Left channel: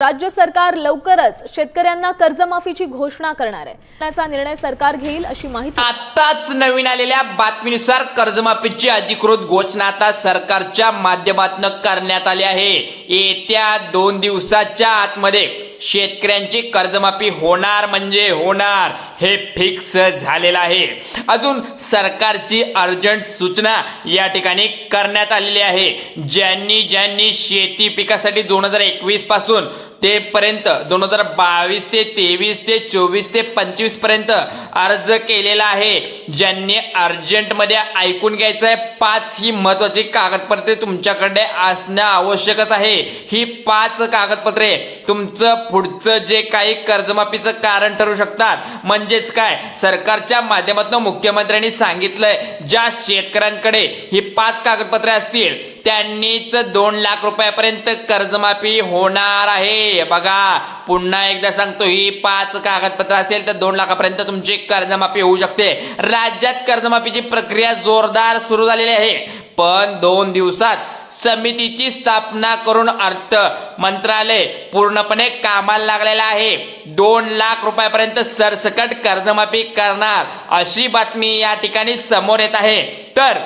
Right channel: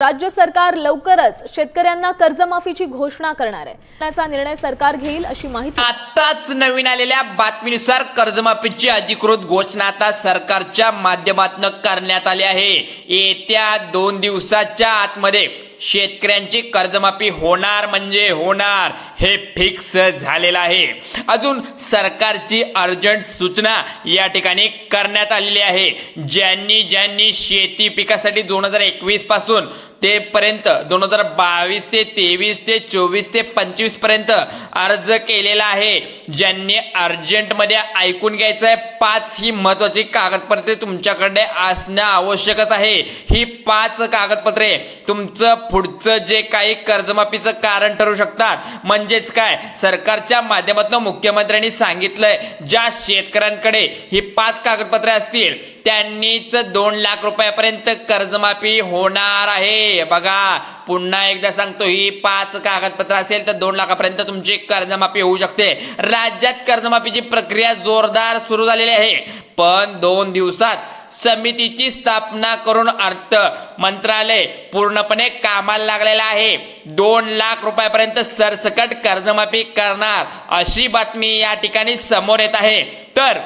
राज्य सरकार लवकरच शेतकऱ्यांना कर्जमाफीची घोषणा करणार आहे। त्याचा निर्णय सरकार घेईल अशी माहिती आताच नवीन आलेल्या बातमीनुसार कर्जमाफीची अधिकृत घोषणा आता सरकारच्या माध्यमातून करण्यात आली आहे। येत्या 2 दिवसाच्या आतमध्ये शेतकऱ्यांची कर्जमाफी होणार म्हणजे होणार हे फिक्स झालेलं आहे। अजून सरकारची अर्जंट सूचना या ठिकाणी करण्यात आलेली आहे। ज्यांनी शेती पिकासाठी 2021 पासून ते पर्यंत 2022 ते 23 ते 24 ते 25 पर्यंत अर्ज केलेला आहे, ज्यांनी अर्जंट मध्ये ऐकून घ्यायचं आहे, 5 ही महत्वाची कागदपत्रे तुमच्याकडे असणं आवश्यकच आहे। ही 5 कागदपत्रे तुमचं पुढचं जे काही कर्जमाफीचं कारण ठरू शकतात। म्हणजेच काय, सरकारच्या माध्यमातून मुख्यमंत्र्यांनी सांगितलंय ज्या शेतकऱ्यांकडे ही 5 कागदपत्रे असतील त्यांनीच 2 लाख रुपयापर्यंत कर्जमाफी होणार आहे। बघा, पुन्हा एकदा सांगतो, ही 5 कागदपत्र असेल तर 2 लाखापर्यंत तुमची कर्जमाफी होऊ शकते। राज्यात कर्जमाफीची प्रक्रिया जोरदार सुरू झालेली आहे, पण 2 दिवसात समितीची स्थापना करून अर्थ मंत्रालय पूर्णपणे कामाला लागलेला आहे। 2 लाख रुपयापर्यंत सरसकट कर्जमाफी करणार अशी बातमी या ठिकाणी समोर येत आहे। तर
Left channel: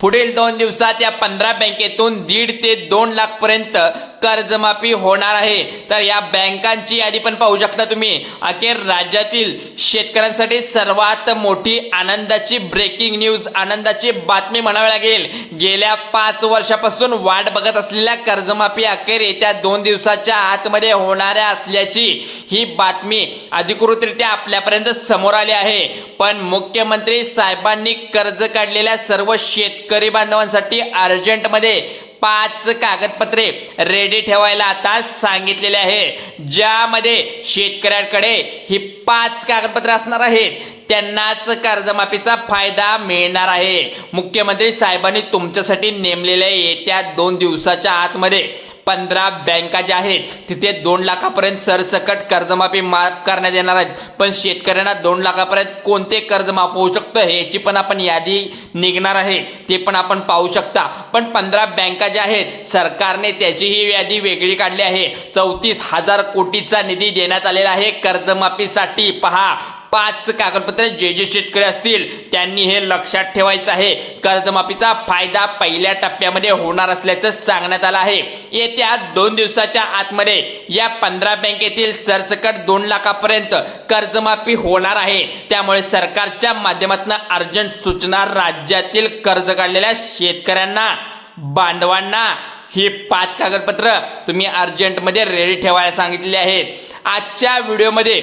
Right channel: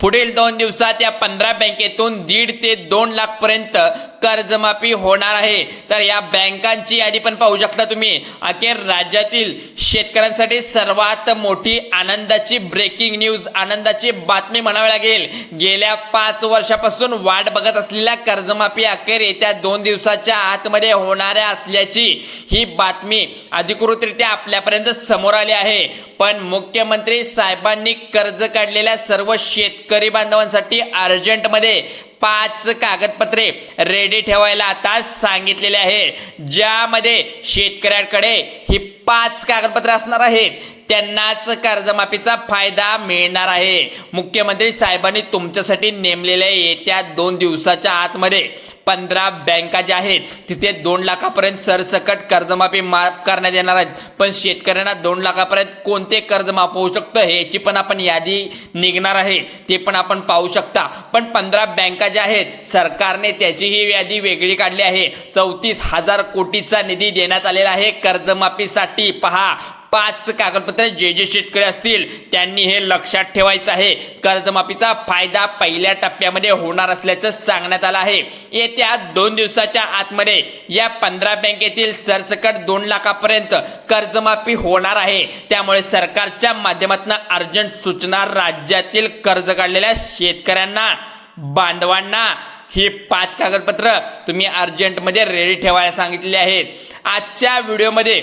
पुढील 2 दिवसात या 15 बँकेतून 1.5 ते 2 लाख पर्यंत कर्जमाफी होणार आहे। तर या बँकांची यादी पण पाहू शकता तुम्ही। अखेर राज्यातील शेतकऱ्यांसाठी सर्वात मोठी आनंदाची ब्रेकिंग न्यूज, आनंदाची बातमी म्हणावी लागेल। गेल्या 5 वर्षापासून वाट बघत असलेल्या कर्जमाफी अखेर येत्या 2 दिवसाच्या आतमध्ये होणाऱ्या असल्याची ही बातमी अधिकृतरित्या आपल्यापर्यंत समोर आली आहे। पण मुख्यमंत्री साहेबांनी कर्ज काढलेल्या सर्व शेतकरी बांधवांसाठी अर्जंट मध्ये 5 कागदपत्रे रेडी ठेवायला आता सांगितलेले आहे, ज्यामध्ये शेतकऱ्यांकडे ही 5 कागदपत्रे असणार आहेत त्यांनाच कर्जमाफीचा फायदा मिळणार आहे। मुख्यमंत्री साहेबांनी तुमच्यासाठी नेमलेल्या येत्या 2 दिवसाच्या आतमध्ये 15 बँका ज्या आहेत तिथे 2 लाखापर्यंत सरसकट कर्जमाफी माफ करण्यात येणार आहेत। पण शेतकऱ्यांना 2 लाखापर्यंत कोणते कर्ज माफ होऊ शकतं याची पण आपण यादी निघणार आहे, ते पण आपण पाहू शकता। पण 15 बँका ज्या आहेत सरकारने त्याची ही यादी वेगळी काढली आहे। 34,000 कोटीचा निधी देण्यात आलेला आहे कर्जमाफीसाठी। पहा, 5 कागदपत्रे जे शेतकरी असतील त्यांनी हे लक्षात ठेवायचं आहे। कर्जमाफीचा फायदा पहिल्या टप्प्यामध्ये होणार असल्याचं सांगण्यात आलं आहे। येत्या 2 दिवसाच्या आतमध्ये या 15 बँकेतील सरसकट 2 लाखापर्यंत कर्जमाफी होणार आहे। त्यामुळे सरकारच्या माध्यमातून अर्जंट सूचना राज्यातील कर्ज काढलेल्या शेतकऱ्यांना, बांधवांना ही 5 कागदपत्र तुम्ही अर्जंट मध्ये रेडी ठेवायला सांगितलेली आहेत। आजच्या व्हिडिओमध्ये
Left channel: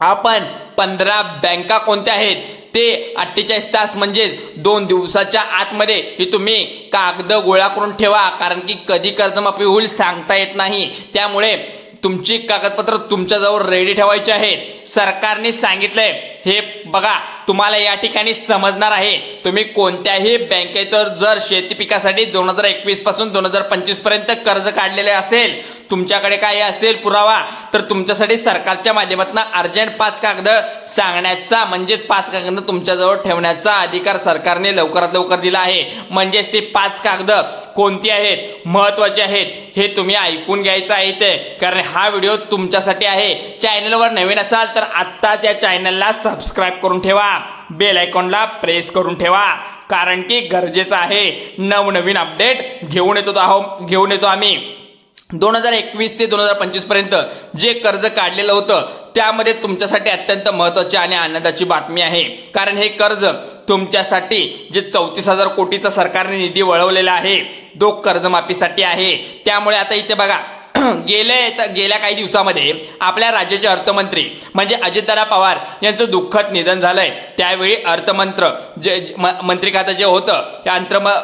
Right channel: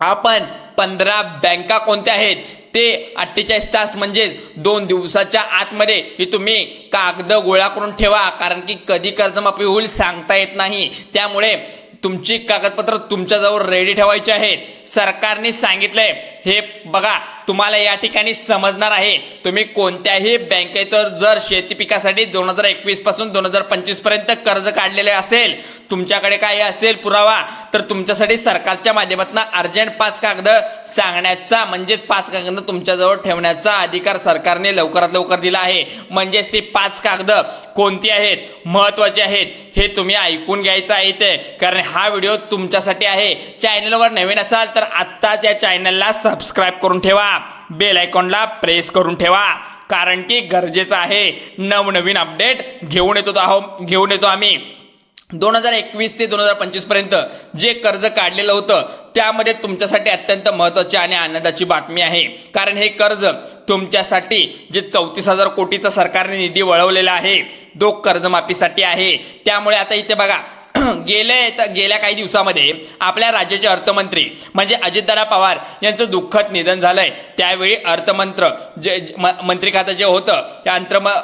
आपण 15 बँका कोणत्या आहेत ते 48 तास म्हणजे 2 दिवसाच्या आतमध्ये ही तुम्ही कागद गोळा करून ठेवा, कारण की कधी कर्जमाफी होईल सांगता येत नाही। त्यामुळे तुमची कागदपत्र तुमच्याजवळ रेडी ठेवायची आहेत। सरकारने सांगितलंय हे बघा, तुम्हाला या ठिकाणी समजणार आहे। तुम्ही कोणत्याही बँकेत जर शेती पिकासाठी 2021 पासून 2025 पर्यंत कर्ज काढलेले असेल, तुमच्याकडे काही असेल पुरावा, तर तुमच्यासाठी सरकारच्या माध्यमातून अर्जंट 5 कागद सांगण्याचा म्हणजेच 5 कागद तुमच्याजवळ ठेवण्याचा अधिकार सरकारने लवकरात लवकर दिला आहे। म्हणजेच ते 5 कागद कोणती आहेत, महत्वाचे आहेत हे तुम्ही ऐकून घ्यायचं आहे ते, कारण हा व्हिडिओ तुमच्यासाठी आहे। चॅनलवर नवीन असाल तर आत्ताच या चॅनलला सबस्क्राईब करून ठेवा, बेल आयकॉनला प्रेस करून ठेवा, कारण की गरजेचं आहे। नवनवीन अपडेट घेऊन येतो आम्ही। 2021 ते 2025 पर्यंत जे कर्ज काढलेलं होतं त्यामध्ये तुमच्यासाठी अत्यंत महत्त्वाची आणि आनंदाची बातमी आहे, कारण हे कर्ज तुमच्यासाठी जे 34,000 कोटीचा सरकारने निधी वळवलेला आहे तो कर्जमाफीसाठी आहे। त्यामुळे आता इथे बघा, गेल्या काही दिवसामध्ये आपल्या राज्याचे अर्थमंत्री म्हणजे अजितदादा पवार यांचं दुःखद निधन झालंय। त्यावेळी मंत्री खातं जे होतं त्या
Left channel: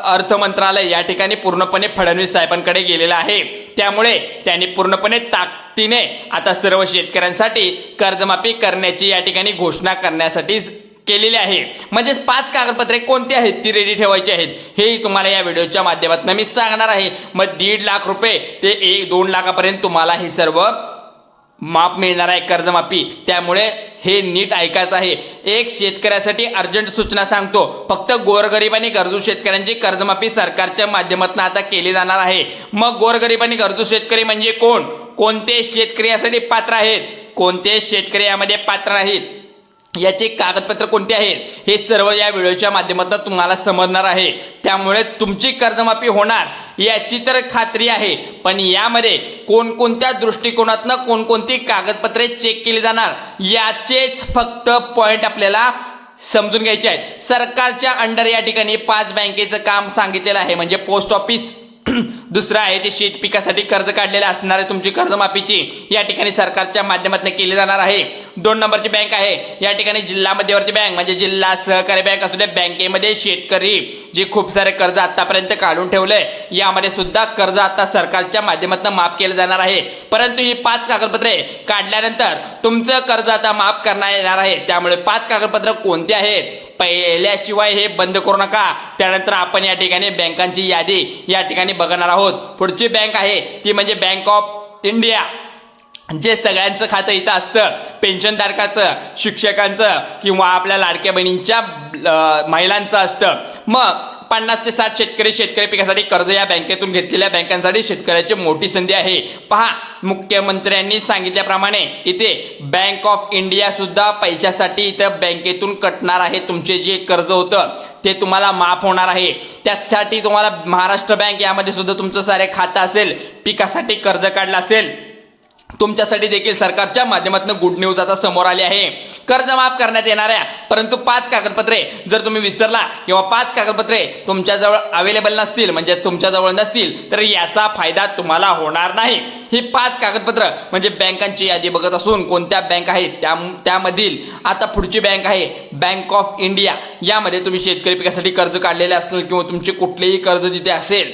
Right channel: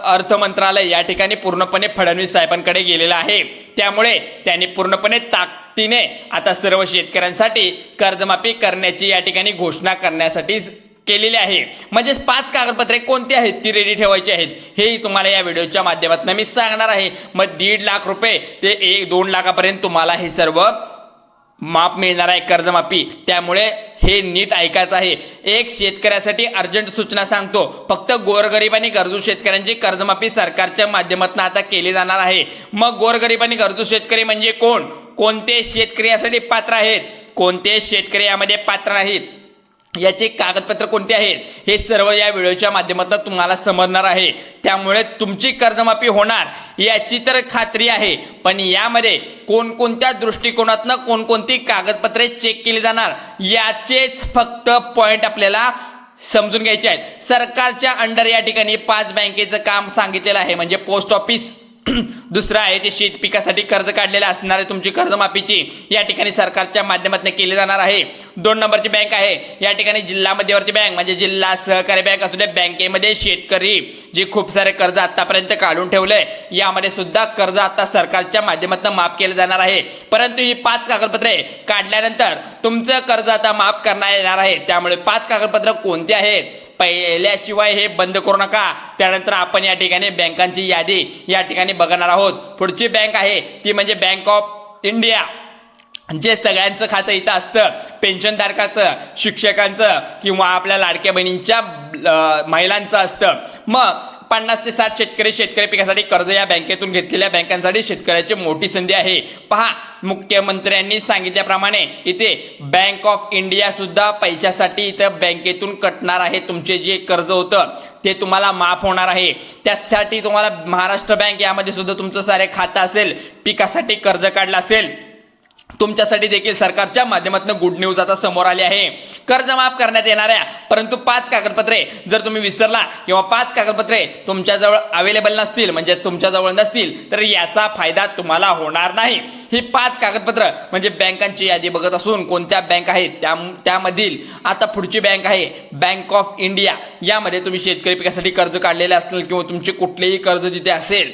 अर्थ मंत्रालय या ठिकाणी पूर्णपणे फडणवीस साहेबांकडे गेलेलं आहे। त्यामुळे त्यांनी पूर्णपणे ताकदीने आता सर्व शेतकऱ्यांसाठी कर्जमाफी करण्याची या ठिकाणी घोषणा करण्यासाठी केलेले आहे। म्हणजे 5 कागदपत्रे कोणती आहेत ती रेडी ठेवायची आहेत हे तुम्हाला या व्हिडिओच्या माध्यमातून मी सांगणार आहे। मग 1.5 लाख रुपये ते 2 लाखापर्यंत तुम्हाला हे सर्व माफ मिळणार आहे कर्जमाफी। त्यामुळे हे नीट ऐकायचं आहे. एक शेतकऱ्यासाठी अर्जंट सूचना सांगतो. फक्त गोरगरीब आणि गरजू शेतकऱ्यांची कर्जमाफी सरकारच्या माध्यमातून आता केली जाणार आहे. मग गोरगरीब आणि गरजू शेतकरी म्हणजे कोण? कोणते शेतकरी यासाठी पात्र आहेत, कोणते शेतकरी यामध्ये पात्र नाहीत, याचे कागदपत्र कोणते आहेत, हे सर्व या व्हिडिओच्या माध्यमातून तुम्हाला समजणार आहे. त्यामुळे तुमची कर्जमाफी होणार याची तर खात्री आहे. पण यामध्ये कोणकोणत्या दृष्टिकोनातून कोणकोणती कागदपत्रे चेक केली जाणार याचेच फक्त पॉइंट आपल्याला समजून घ्यायचे आहेत. सरकारच्या अंडर या ठिकाणी 5 बँकेचं काम सांगितलेलं आहे, म्हणजे पोस्ट ऑफिस. दुसरं आहे ते शेत पिकासाठी कर्ज काढलेले असणारे तुमची कर्जमाफीची या ठिकाणी सरकारच्या माध्यमातून केली जाणार आहे. 2 नंबरची बँक आहे या ठिकाणी जिल्हा मध्यवर्ती बँक, म्हणजे जिल्हा सहकारी बँक असू दे. बँकेमध्ये शेतकरी जे खूप सारे कर्ज आतापर्यंत काढून ठेवलंय यामध्ये सुद्धा कर्ज आता सरकारच्या माध्यमातून माफ केलं जाणार आहे. परंतु ही 5 कागदपत्रे काढल्यानंतर तुमचं कर्ज आता माफ करण्यात येणार आहे. त्यामुळे 5 कागदपत्र कोणते आहेत पहिल्याशिवाय हे बंद करू नका. त्यानंतर आपण या ठिकाणी बँकांची यादी या ठिकाणी बघणार आहोत. पुढची बँक आहे ती म्हणजे बँक ऑफ इंडिया, जे सगळ्यांचं खातं इथं असतं, पेन्शनधारकाचं, शिक्षकांचं किंवा आपल्या लाडक्या बहिणींच्या महिलांचं असतं. मग 50 ते 60 शेतकरी पिकासाठी कर्ज या बँकेतून घेतलेल्या बँकांसाठी शेतकऱ्याची मोठी संधी आहे. पहा, मुख्यमंत्र्यांनी सांगितल्याप्रमाणे इथे बँक ऑफ इंडिया सुद्धा पैशासाठी इथं बँकेतून कटणार आहे. तुमचे जे कर्ज होतं ते तुम्हाला माफ होणार आहे. त्यासाठी तुम्हाला महाराष्ट्र बँक यामध्ये सुद्धा तुमचं सारे खातं असेल, पिकासाठी कर्ज काढलं असेल, तुमच्यासाठी देखील सरकारच्या माध्यमातून गुड न्यूज आता समोर आली आहे. कर्ज माफ करण्यात येणाऱ्या परंतु 5 कागदपत्रे जर तुम्ही विसरला किंवा 5 कागदपत्रे तुमच्याजवळ अवेलेबल नसतील, म्हणजे तुमच्याजवळ नसतील, तर याचा फायदा तुम्हाला होणार नाही. ही 5 कागदपत्र म्हणजे बँकांची यादी बघत असून कोणत्या बँक आहेत त्यामधील आता पुढची बँक आहे बँक ऑफ इंडिया. यामध्ये तुम्ही शेतकरी पिकासाठी कर्ज काढलेले असतील किंवा तुमचे कुठलेही कर्ज तिथे असेल,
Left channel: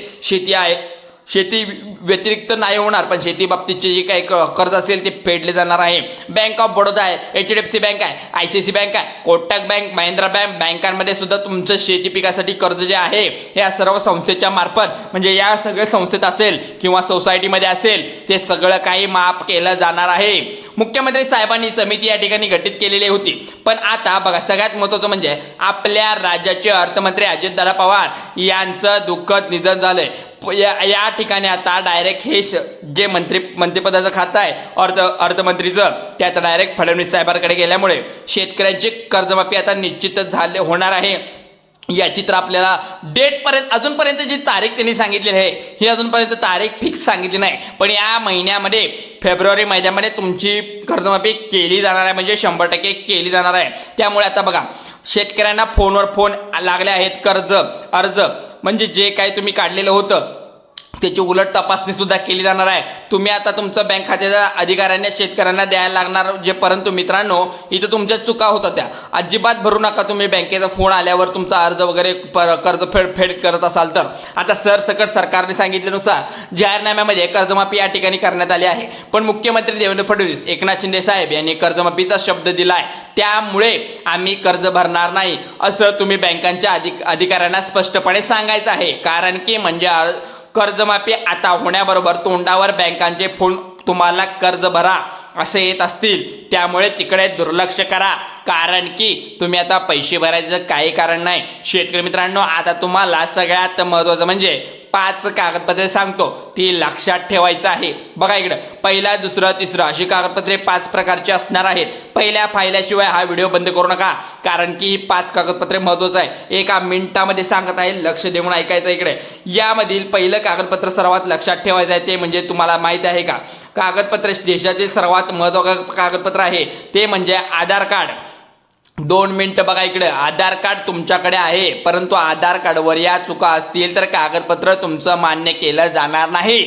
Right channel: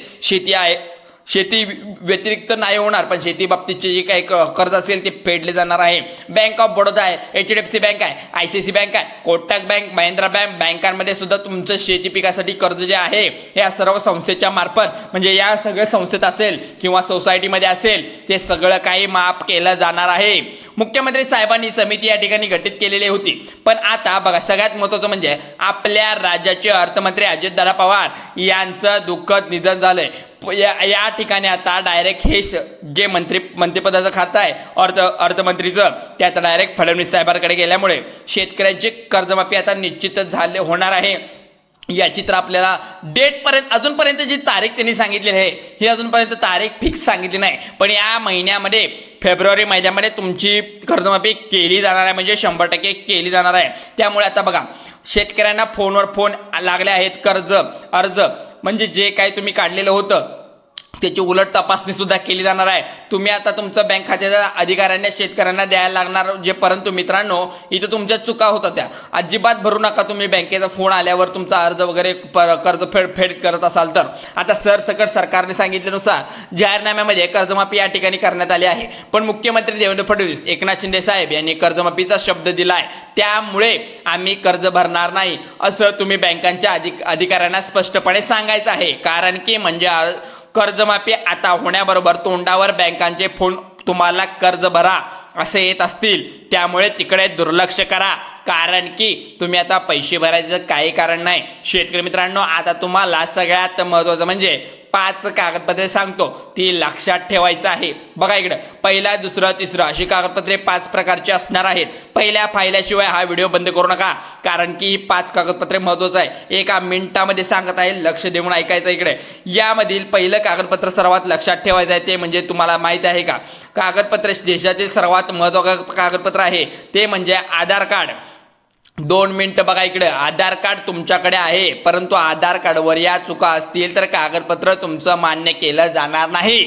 शेती व्यतिरिक्त नाही होणार, पण शेती बाबतीतचे जे काही कर्ज असेल ते फेडले जाणार आहे. बँक ऑफ बडोदा आहे, HDFC बँक आहे, ICICI बँक आहे, कोटक बँक, महिंद्रा बँकांमध्ये सुद्धा तुमचं शेती पिकासाठी कर्ज जे आहे या सर्व संस्थेच्या मार्फत, म्हणजे या सगळ्या संस्थेत असेल किंवा सोसायटीमध्ये असेल, ते सगळं काही माफ केलं जाणार आहे. मुख्यमंत्री साहेबांनी समिती या ठिकाणी गठीत केलेली होती. पण आता बघा, सगळ्यात महत्त्वाचं म्हणजे आपल्या राज्याचे अर्थमंत्री अजितदादा पवार यांचं दुःखद निधन झालंय. या ठिकाणी आता डायरेक्ट हे जे मंत्रिपदाचं खातं आहे अर्थमंत्रीचं, ते आता डायरेक्ट फडणवीस साहेबांकडे गेल्यामुळे शेतकऱ्यांची कर्जमाफी आता निश्चितच होणार आहे. याची तर आपल्याला डेटपर्यंत अजूनपर्यंत जी तारीख त्यांनी सांगितलेली आहे ही अजूनपर्यंत तारीख फिक्स सांगितली नाही. पण या महिन्यामध्ये फेब्रुवारी महिन्यामध्ये तुमची कर्जमाफी केली जाणार आहे, म्हणजे 100% केली जाणार आहे. त्यामुळे आता बघा, शेतकऱ्यांना फोनवर फोन लागले आहेत. अर्ज म्हणजे जे काही तुम्ही काढलेलं होतं त्याची उलट तपासणी सुद्धा केली जाणार आहे. तुम्ही आता तुमचं बँक खात्याच्या अधिकाऱ्यांना शेतकऱ्यांना द्यायला लागणार जे. परंतु मित्रांनो, इथं तुमच्या चुका होतात त्या अजिबात भरू नका. तुम्ही बँकेचा फोन आल्यावर तुमचा अर्ज वगैरे कर्ज फेड करत असाल तर आता सरसकट सरकारने सांगितल्यानुसार जाहीरनाम्यामध्ये कर्जमाफी या ठिकाणी करण्यात आली आहे. पण मुख्यमंत्री देवेंद्र फडणवीस, एकनाथ शिंदे साहेब यांनी कर्जमाफीचा शब्द दिलाय. त्यामुळे आम्ही कर्ज भरणार नाही असं तुम्ही बँकांच्या अधिकाऱ्यांना स्पष्टपणे सांगायचं आहे. कारण की म्हणजे कर्जमाफी आता होण्याबरोबर तोंडावर बँकांचे फोन तुम्हाला कर्ज भरा असे येत असतील, त्यामुळे तिकडे दुर्लक्ष करा. कारण की तुम्ही आता पैसे भरायचं काही कारण नाही. शेतकरी मित्रांनो, आता तुम्हाला सगळ्यात महत्त्वाचं म्हणजे 5 कागदपत्रे सांगतो, ती लक्षात ठेवायचं आहे. बघा इकडं, पहिला, दुसरं, तिसरं अशी कागदपत्रे 5 प्रकारची असणार आहेत. पहिल्या फायल्याशिवाय हा व्हिडिओ बंद करू नका, कारण की ही 5 कागदपत्रे महत्त्वाचं आहे. 1 मिनिटामध्ये सांगत आहे, लक्ष देऊन ऐकायचं. इकडे यामधील पहिलं कागदपत्र सर्वात लक्षात ठेवायचं आहे ते म्हणजे तुम्हाला माहिती आहे का, कागदपत्र देशातील सर्वात महत्त्वाचं कागदपत्र आहे ते म्हणजे आधार कार्ड. 2 मिनिटं बघा इकडे, आधार कार्ड तुमच्याकडे आहे, परंतु आधार कार्डवर या चुका असतील तर कागदपत्र तुमचं मान्य केलं जाणार नाही.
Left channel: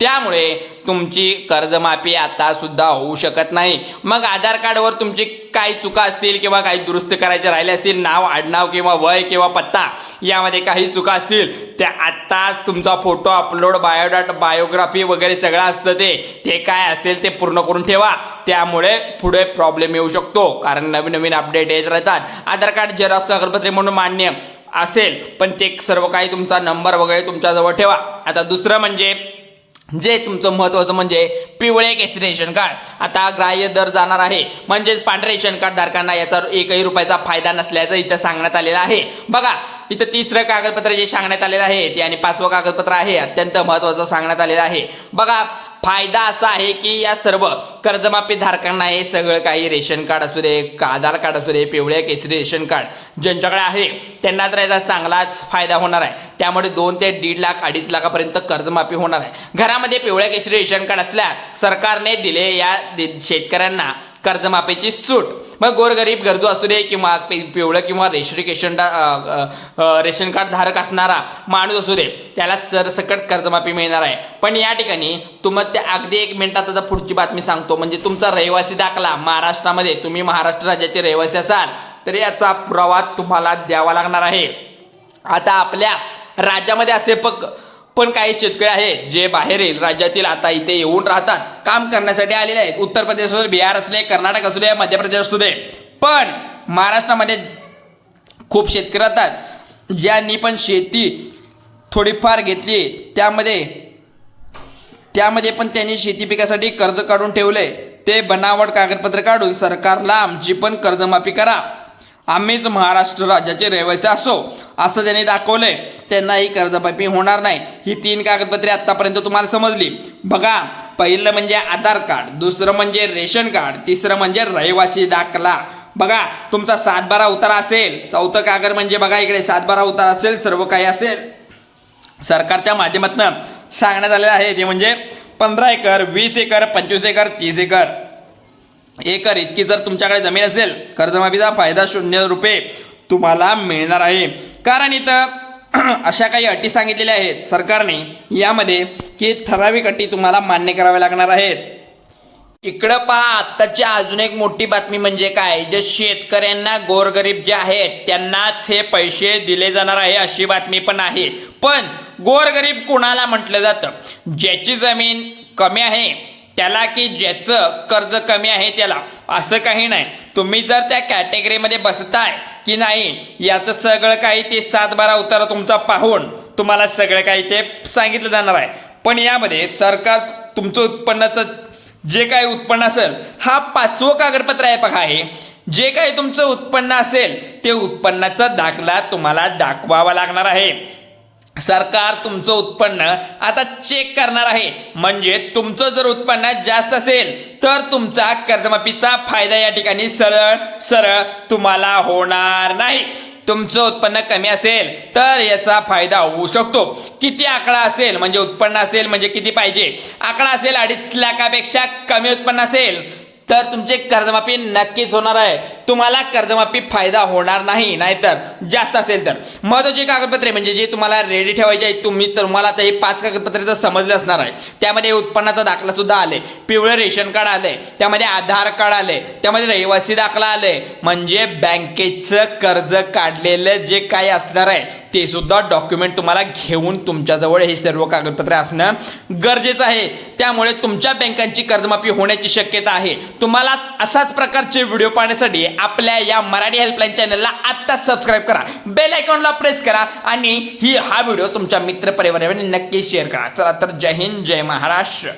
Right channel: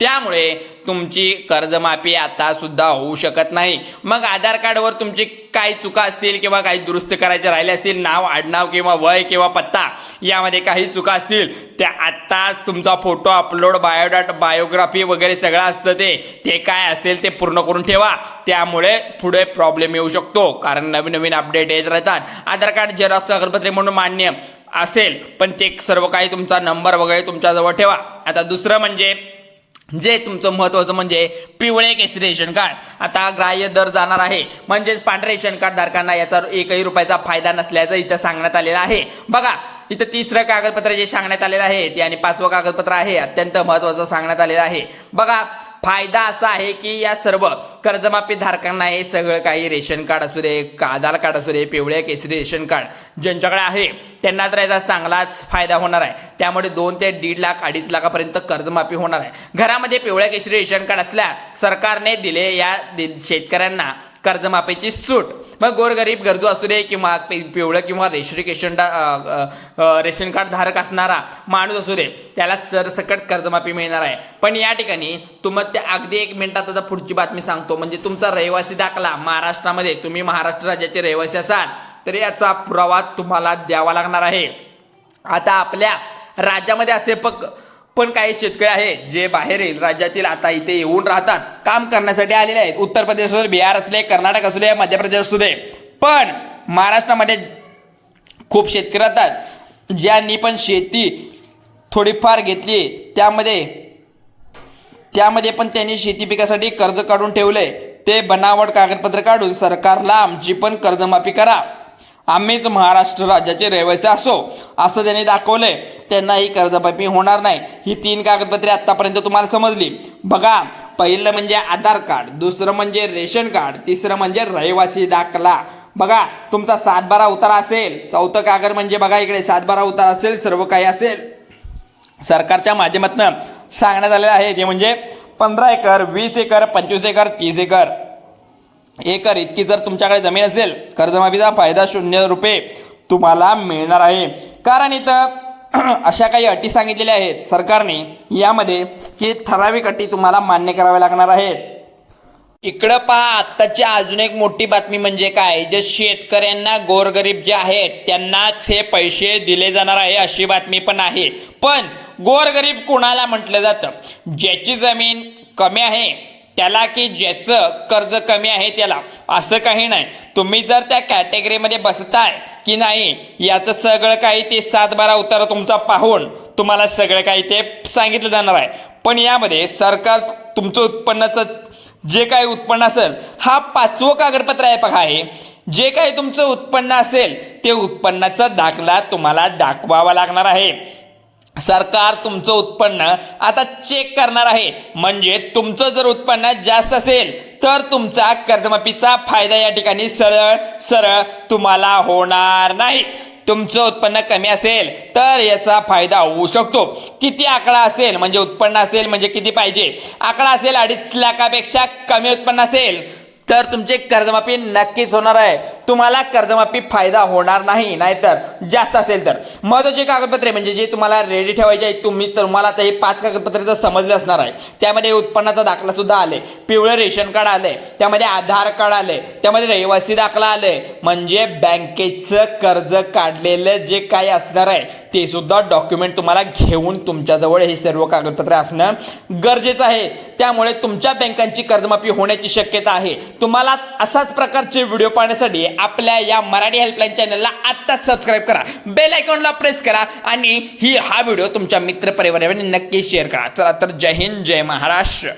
त्यामुळे तुमची कर्जमाफी आता सुद्धा होऊ शकत नाही. मग आधार कार्डवर तुमची काही चुका असतील किंवा काही दुरुस्त करायचे राहिले असतील, नाव, आडनाव किंवा वय किंवा पत्ता यामध्ये काही चुका असतील, त्या आत्ताच तुमचा फोटो अपलोड, बायोडाटा, बायोग्राफी वगैरे सगळं असतं ते काय असेल ते पूर्ण करून ठेवा. त्यामुळे पुढे प्रॉब्लेम येऊ शकतो, कारण नवीन अपडेट येत राहतात. आधार कार्ड झेरॉक्स कागदपत्रे म्हणून मान्य असेल, पण ते सर्व काही तुमचा नंबर वगैरे तुमच्याजवळ ठेवा. आता दुसरं म्हणजे जे तुमचं महत्त्वाचं म्हणजे पिवळे केसरी रेशन कार्ड आता ग्राह्य दर जाणार आहे, म्हणजेच पांढरे रेशन कार्ड धारकांना याचा 1 रुपयाचा फायदा नसल्याचं इथं सांगण्यात आलेलं आहे. बघा इथं तिसरं कागदपत्र जे सांगण्यात आलेलं आहे ते आणि 5वं कागदपत्र आहे अत्यंत महत्त्वाचं सांगण्यात आलेलं आहे. बघा फायदा असा आहे की या सर्व कर्जमाफी धारकांना हे सगळं काही रेशन कार्ड असू दे, आधार कार्ड असू दे, पिवळ्या केसरी रेशन कार्ड ज्यांच्याकडे आहे त्यांना तर याचा चांगलाच फायदा होणार आहे. त्यामुळे 2 ते 1.5 लाख 2.5 लाखापर्यंत कर्जमाफी होणार आहे. घरामध्ये पिवळ्या केसरी रेशन कार्ड असल्या सरकारने दिले या शेतकऱ्यांना कर्जमाफीची सूट. मग गोरगरीब गरजू असू दे किंवा पिवळं किंवा रेशन कार्ड धारक असणारा माणूस असू दे त्याला सरसकट कर्जमाफी मिळणार आहे. पण या ठिकाणी तुम्हाला अगदी 1 मिनिटात आता पुढची बातमी सांगतो. म्हणजे तुमचा रहिवासी दाखला महाराष्ट्रामध्ये तुम्ही महाराष्ट्र राज्याचे रहिवासी असाल तर याचा पुरावा तुम्हाला द्यावा लागणार आहे. आता आपल्या राज्यामध्ये असे पण काही शेतकरी आहेत जे बाहेरील राज्यातील आता इथे येऊन राहतात, काम करण्यासाठी आलेले आहेत. उत्तर प्रदेश असू दे, बिहार असू दे, कर्नाटक असू दे, मध्य प्रदेश असू दे. पण महाराष्ट्रामध्ये खूप शेतकरी राहतात ज्यांनी पण शेती थोडीफार घेतली, त्यामध्ये पण त्यांनी शेती पिकासाठी कर्ज काढून ठेवले. ते बनावट कागदपत्र काढून सरकारला आमची पण कर्जमाफी करा, आम्हीच महाराष्ट्र राज्याचे रहिवासी असो असं त्यांनी दाखवलंय. त्यांना ही कर्जमाफी होणार नाही. ही 3 कागदपत्रे आतापर्यंत तुम्हाला समजली. बघा पहिलं म्हणजे आधार कार्ड, दुसरं म्हणजे रेशन कार्ड, तिसरं म्हणजे रहिवासी दाखला. बघा तुमचा 7/12 उतारा असेल, 4थं कागद म्हणजे बघा इकडे 7/12 उतारा असेल, सर्व काही असेल. सरकारच्या माध्यमातून सांगण्यात आलेलं आहे ते म्हणजे 15 एकर, 20 एकर, 25 एकर, 30 एकर इतकी जर तुमच्याकडे जमीन असेल कर्जमाफीचा फायदा 0 रुपये तुम्हाला मिळणार आहे. कारण इथं अशा काही अटी सांगितलेल्या आहेत सरकारने यामध्ये की ठराविक अटी तुम्हाला मान्य कराव्या लागणार आहेत. इकडं पहा आत्ताची अजून एक मोठी बातमी म्हणजे काय, जे शेतकऱ्यांना गोरगरीब जे आहेत त्यांनाच हे पैसे दिले जाणार आहे अशी बातमी पण आहे. पण गोरगरीब कोणाला म्हटलं जातं? ज्याची जमीन कमी आहे त्याला की ज्याचं कर्ज कमी आहे त्याला, असं काही नाही. तुम्ही जर त्या कॅटेगरीमध्ये बसताय की नाही याचं सगळं काही ते 7/12 उतारा तुमचा पाहून तुम्हाला सगळं काही ते सांगितलं जाणार आहे. पण यामध्ये सरकार तुमचं उत्पन्नाचं जे काही उत्पन्न असेल, हा 5वं कागदपत्र आहे बघा, हे जे काही तुमचं उत्पन्न असेल ते उत्पन्नाचा दाखला तुम्हाला दाखवावा लागणार आहे. सरकार तुमचं उत्पन्न आता चेक करणार आहे. म्हणजे तुमचं जर उत्पन्न जास्त असेल तर तुमचा कर्जमाफीचा फायदा या ठिकाणी सरळ तुम्हाला होणार नाही. तुमचं उत्पन्न कमी असेल तर याचा फायदा होऊ शकतो. किती आकडा असेल म्हणजे उत्पन्न असेल म्हणजे किती पाहिजे, आकडा असेल 2.5 लाखापेक्षा कमी उत्पन्न असेल तर तुमची कर्जमाफी नक्कीच होणार आहे. तुम्हाला कर्जमाफी फायदा होणार नाही. नाहीतर जास्त असेल तर महत्त्वाची कागदपत्रे म्हणजे जे तुम्हाला रेडी ठेवायचे आहेत, तुम्हाला आता हे 5 कागदपत्रे तर समजले असणार आहे. त्यामध्ये उत्पन्नाचा दाखला सुद्धा आले, पिवळं रेशन कार्ड आले, त्यामध्ये आधार कार्ड आले, त्यामध्ये रहिवासी दाखला आले. म्हणजे बँकेचं कर्ज काढलेलं जे काही असणार आहे ते सुद्धा डॉक्युमेंट तुम्हाला घेऊन तुमच्याजवळ हे सर्व कागदपत्रे असणं गरजेचं आहे. त्यामुळे तुमच्या बँकांची कर्जमाफी होण्याची शक्यता आहे. तुम्हाला अशाच प्रकारचे व्हिडिओ पाहण्यासाठी आपल्या या मराठी हेल्पलाईन चॅनलला आत्ता सबस्क्राईब करा, बेल आयकॉनला प्रेस करा आणि हा व्हिडिओ तुमच्या मित्र परिवारावर नक्की शेअर करा. चला तर जय हिंद, जय महाराष्ट्र.